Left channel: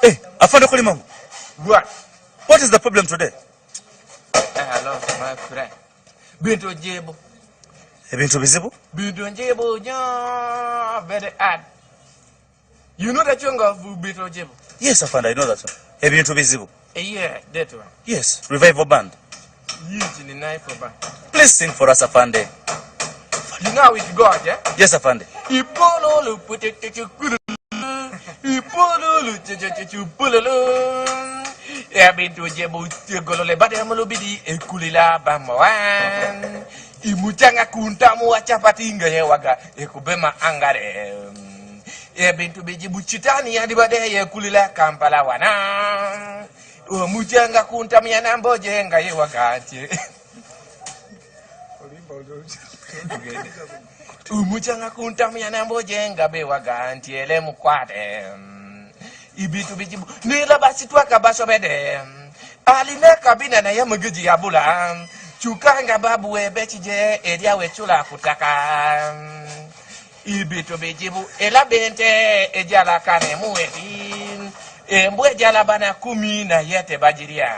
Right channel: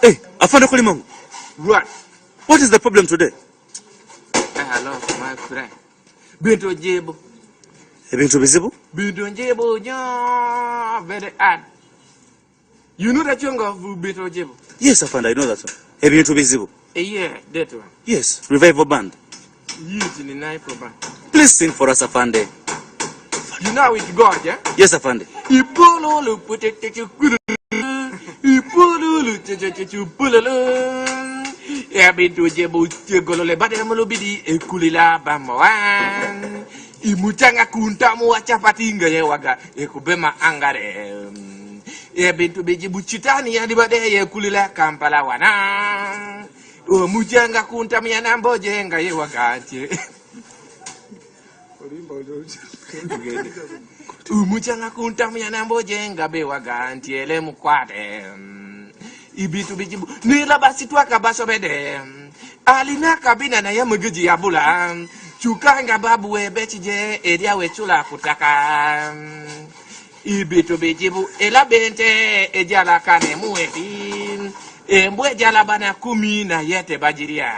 Hey, Afande Kolimango. What? What is the problem today? Hello, my friend. Bintu Jibu. Ebintu bizibu? Bintu Jibu, very hard. You know that young of Bintu Jibu? Yes, Afande, I know that one. Ebintu bizibu? Yeah, that one. Yes, revival band. Yes, in the night for band. Please sing for us, Afande. You know it God, yeah? Yes, Afande. Ipololo putekulu. Ipololo pulolo. Ya Bintu Jibu tegolole badamolo bidi ekulila bamawan. Imuchanga kuntamu wachapatinga ye waga ekubema angare. Ya Bintu Jibu chitani ya dibade ye kulila Kampala wana. Mujanga kuntamu ya namboje nga ye waga antie. Umuchanga kuntamu ya namboje nga be waga antie le mukwate. Ibintu Jibu nila basi twaka basobede. Alina kabina na ya mugiji ya bula. Chukanga babu webechije edia wechula kutaka. Ibintu Jibu ela bente ejala kane mueti. Mbwe jala bana kumi na yete bajiria.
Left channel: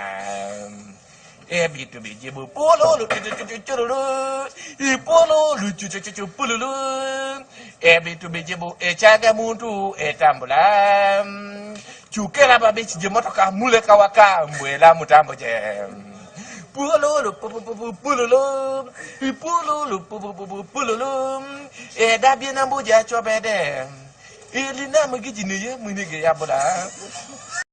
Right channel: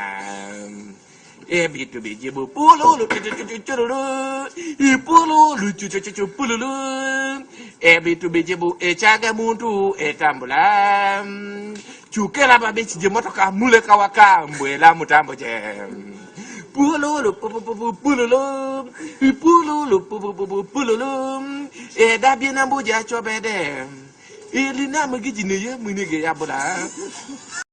Ibintu Jibu pululu chuchuchuchurulu. Ipululu chuchuchuchupululu. Ibintu Jibu echaga muntu etambula. Chukela babechije motoka muleka waka mbwela mutambo je. Pululu pululu pululu pululu dabi na mbuja chobede ili na mugiji ne ye munige ya bula